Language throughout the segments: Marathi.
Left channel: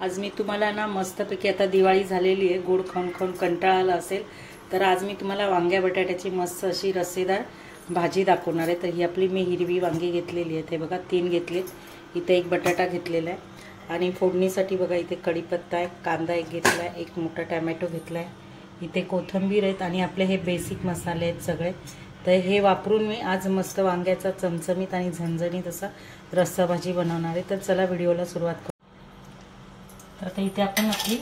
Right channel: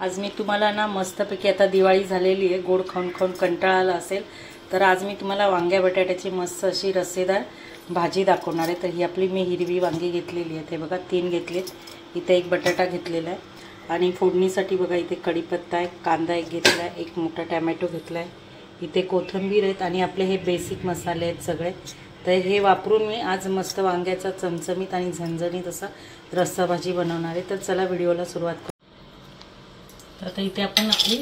आज मी तुम्हाला ना मस्तपैकी, आता दिवाळी झालेली आहे, गोड खाऊन खाऊन कंटाळा आला असेल तर आज मी तुम्हाला वांग्या बटाट्याची मस्त अशी रस्सेदार भाजी दाखवणार आहे। तर ही आपली मी हिरवी वांगी घेतलेली आहे, ते बघा 3 घेतलेत, इथे एक बटाटा घेतलेला आहे आणि फोडणीसाठी बघा इथे कढीपत्ता आहे, कांदा एक घेतला आहे, एक मोठा टोमॅटो घेतला आहे, इथे कोथिंबीर आहेत आणि आपले हे बेसिक मसाले आहेत सगळे। तर हे वापरून मी आज मस्त वांग्याचा चमचमीत आणि झणझणीत असा रस्सा भाजी बनवणार आहे। तर चला व्हिडिओला सुरुवात करू। तर आता इथे आपण आपली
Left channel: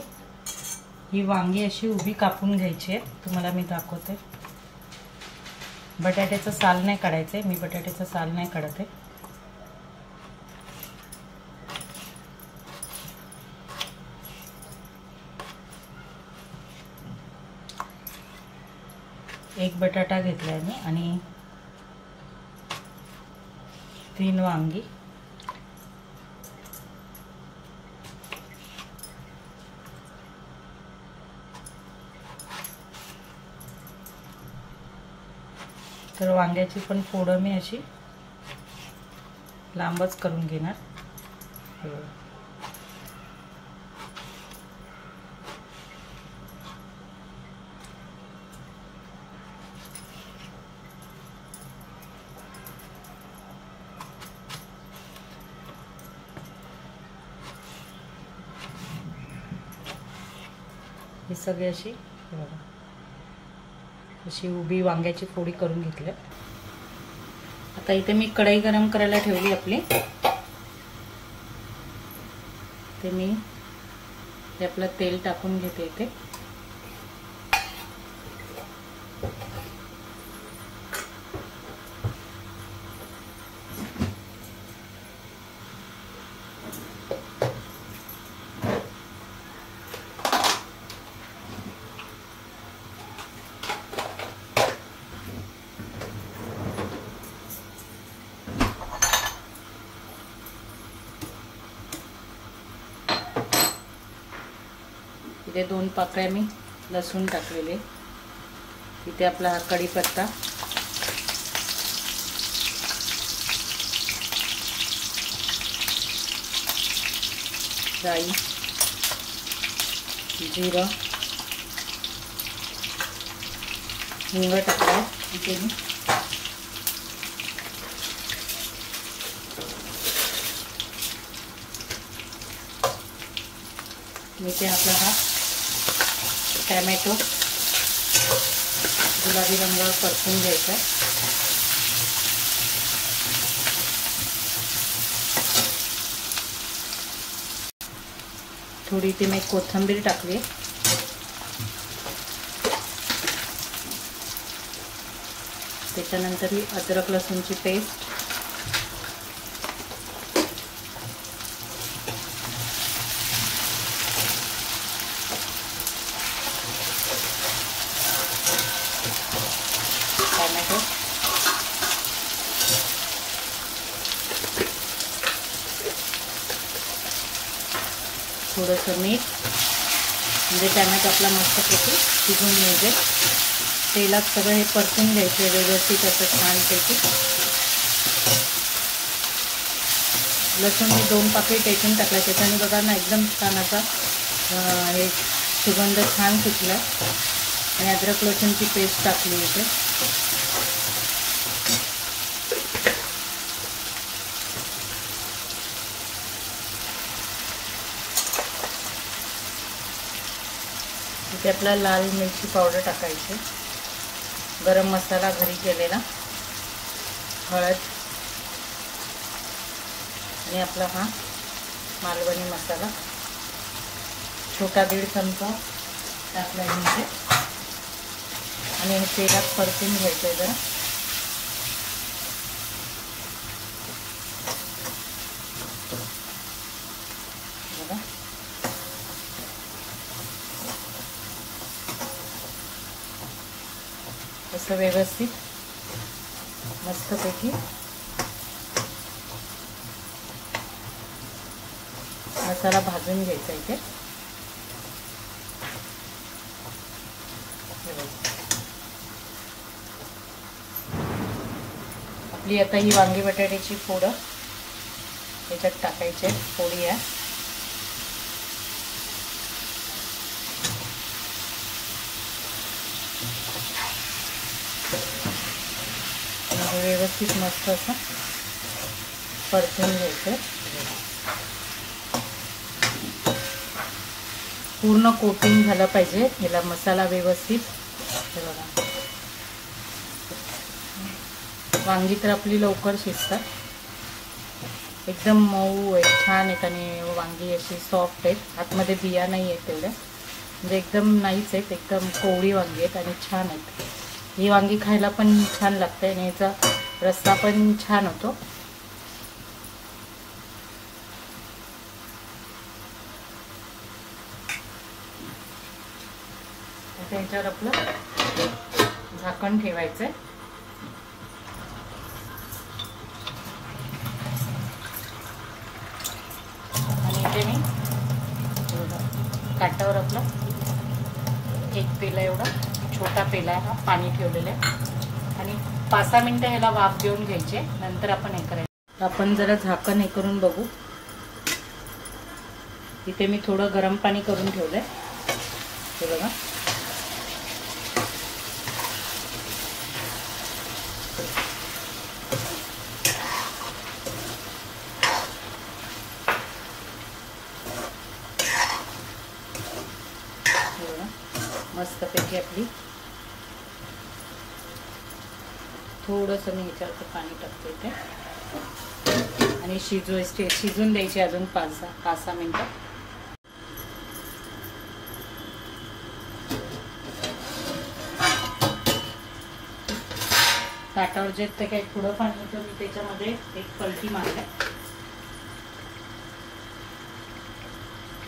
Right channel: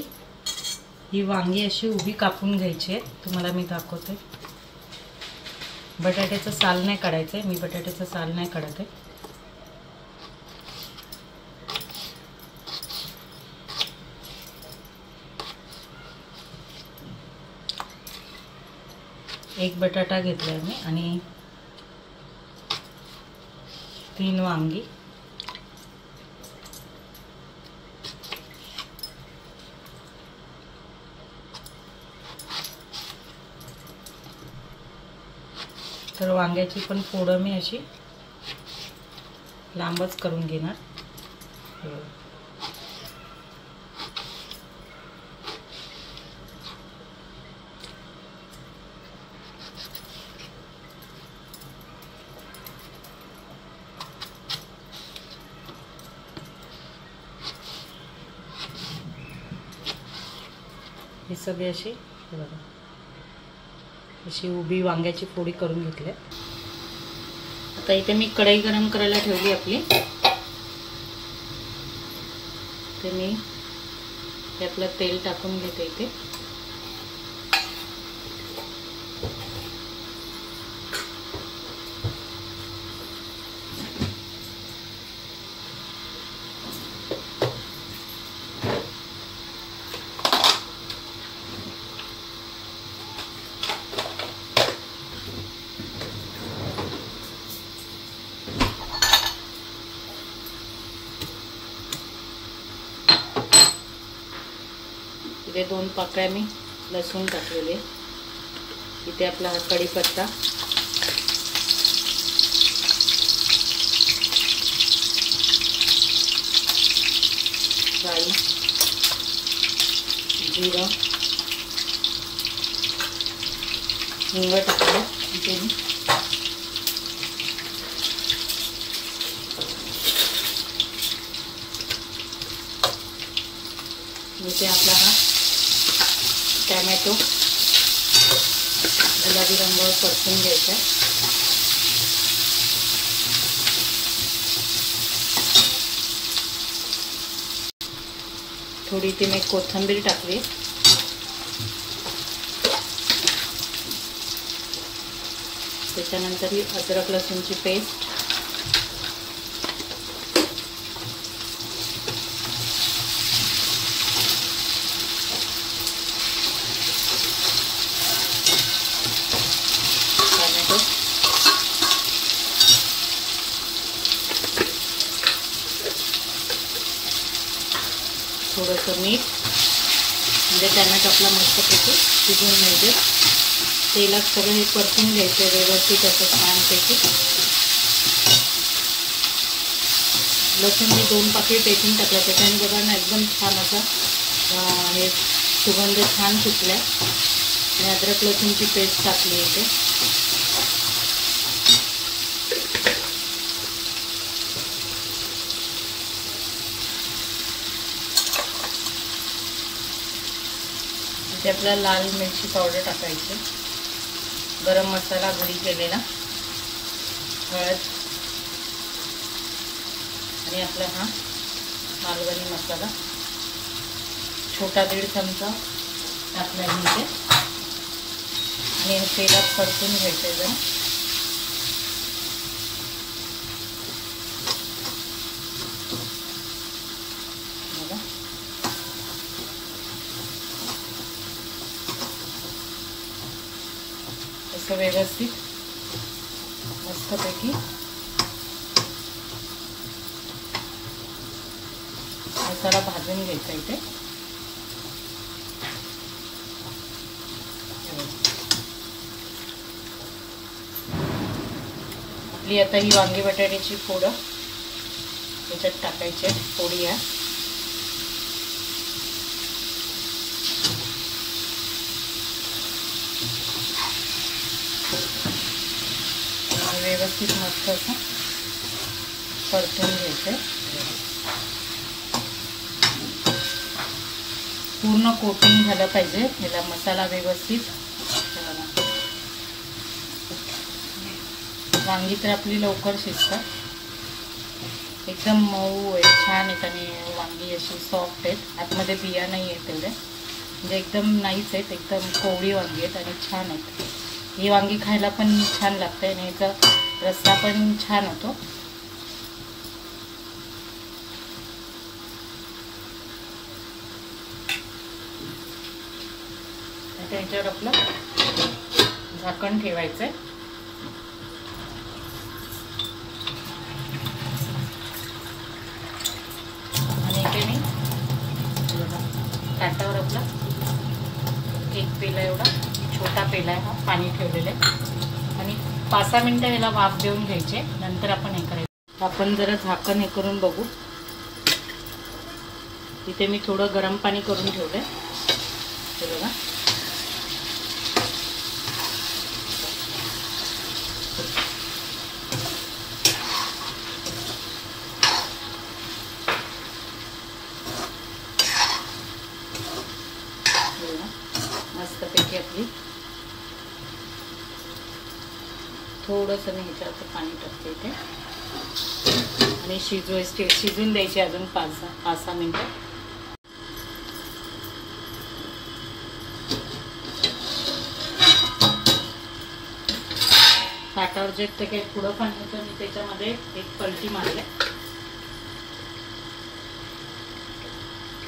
ही वांगी अशी उभी कापून घ्यायची आहे, तुम्हाला मी दाखवते। बटाट्याचं साल नाही काढायचं, मी बटाट्याचं साल नाही काढत आहे। एक बटाटा घेतलाय मी आणि 3 वांगी, तर वांग्याची पण फोडं मी अशी लांबच करून घेणार। हे सगळे अशी बघा अशी उभी वांग्याची फोडी करून घेतल्या। आता इथे मी कढई गरम करायला ठेवली आपली, तर मी आपलं तेल टाकून घेते इथे। इथे 2 पाकळ्या मी लसूण टाकलेले, इथे आपला हा कढीपत्ता, राई, जिरं, हिंग टाकला इथे मी। इथे आपला हा टोमॅटो गुलाबी रंगावर परतून घ्यायचा। थोडी ती मी कोथिंबीर टाकली, त्याच्यानंतर ही अद्रक लसूणची पेस्ट, टोमॅटो, थोडंसं मीठ, म्हणजे टोमॅटो आपला मस्तपैकी शिजून मिळते। तेलात सगळं हे परतून घ्यायचं व्यवस्थित असं छानपैकी। लसूण मी 2 पाकळी टेचून टाकला, त्याच्याने बघा ना एकदम छान असा हे सुगंध छान सुटला। आणि अद्रक लसूणची पेस्ट टाकली इथे। इथे आपला लाल मिरची पावडर टाकायची, गरम मसाला घरी केलेला, हळद आणि आपला हा मालवणी मसाला छोटा 1.5 चमचा टाकला इथे आणि हे तेलात परतून घ्यायचं जरा। बघा असं व्यवस्थित मस्तपैकी मसाला भाजून घ्यायचा इथे। आपली आता ही वांगी बटाट्याची फोडं याच्यात टाकायचे, फोडी आहे व्यवस्थित मस्त असं परतून घ्यायचं. पूर्ण कोटिंग झालं पाहिजे याला मसाला व्यवस्थित. वांगी तर आपली लवकर शिजतात, एकदम मऊ आहे, छान आहेत आणि वांगी अशी सॉफ्ट आहेत, आतमध्ये बिया नाही आहेत तेवढ्या, म्हणजे एकदम नाहीच आहेत, एकदम कोवळी वांगी आहेत आणि छान आहेत. ही वांगी खायला पण छान लागते आणि याचा रस्सा पण छान होतो. त्याच्यावर आपलं झाकण ठेवायचं आहे आणि इथे मी ताटावर आपलं एक पेला एवढा छोटा पेला आहे हा पाणी ठेवलेलं आहे आणि 5-6 मिनिटं याला वाफ देऊन घ्यायचे. नंतर आपण हे करायचं. आपण जरा झाकण हे करून बघू. इथे मी थोडं गरम पाणी करून ठेवलंय, हे बघा. मस्तपैकी आपली थोडंसं मी ह्याच्यात पाणी टाकते इथे आणि शिजून द्यायचे अजून 5-6 मिनिटं. ताटावर जे ते काही पुढं पाणी होतं मी त्याच्यामध्ये एक पलटी मारले,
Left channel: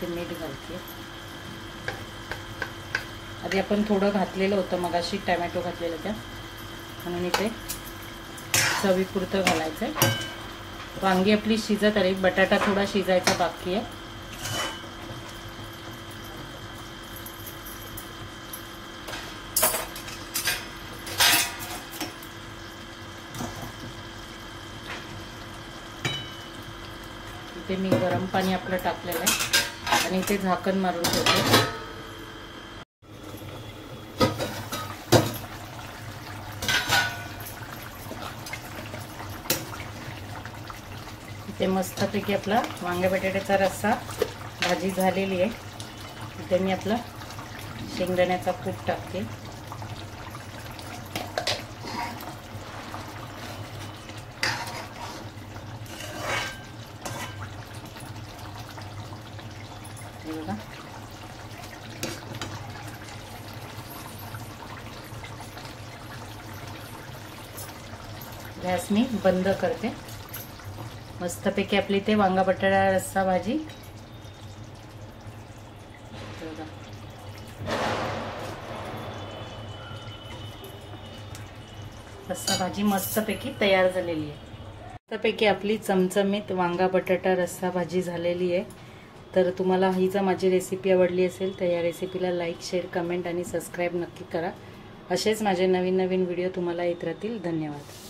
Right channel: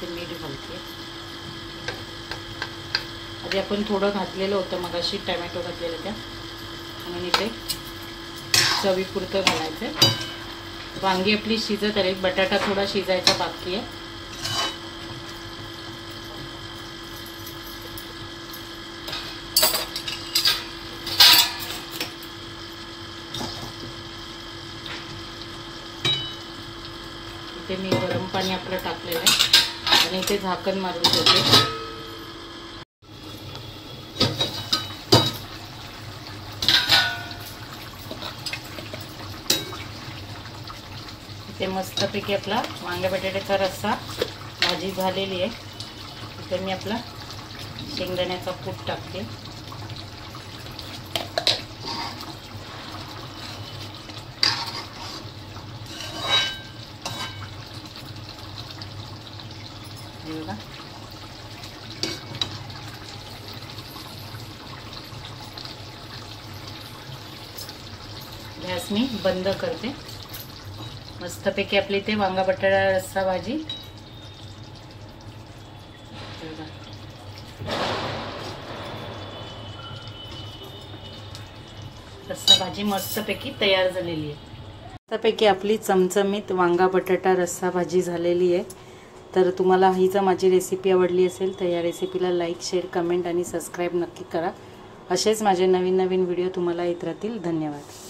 ते मीठ घालते. आधी आपण थोडं घातलेलं होतं मगाशी, टमॅटो घातलेलं त्या, म्हणून इथे चवीपुरतं घालायचं आहे. वांगी आपली शिजत आली, बटाटा थोडा शिजायचा बाकी आहे. इथे मी गरम पाणी आपलं टाकलेलं आहे आणि इथे झाकण मारून ठेवते. ते मस्तपैकी आपला वांग्या बटाट्याचा रस्सा भाजी झालेली आहे. इथे मी आपला शेंगदाण्याचा कूट टाकते. बघा गॅस मी बंद करते. मस्तपैकी आपली ते वांगा बटाटा रस्सा भाजी मस्तपैकी तयार झालेली आहे. मस्तपैकी आपली चमचमीत वांगा बटाटा रस्सा भाजी झालेली आहे. तर तुम्हाला ही जर माझी रेसिपी आवडली असेल तर या रेसिपीला लाईक, शेअर, कमेंट आणि सबस्क्राईब नक्की करा. असेच माझे नवीन व्हिडिओ तुम्हाला येत राहतील. धन्यवाद.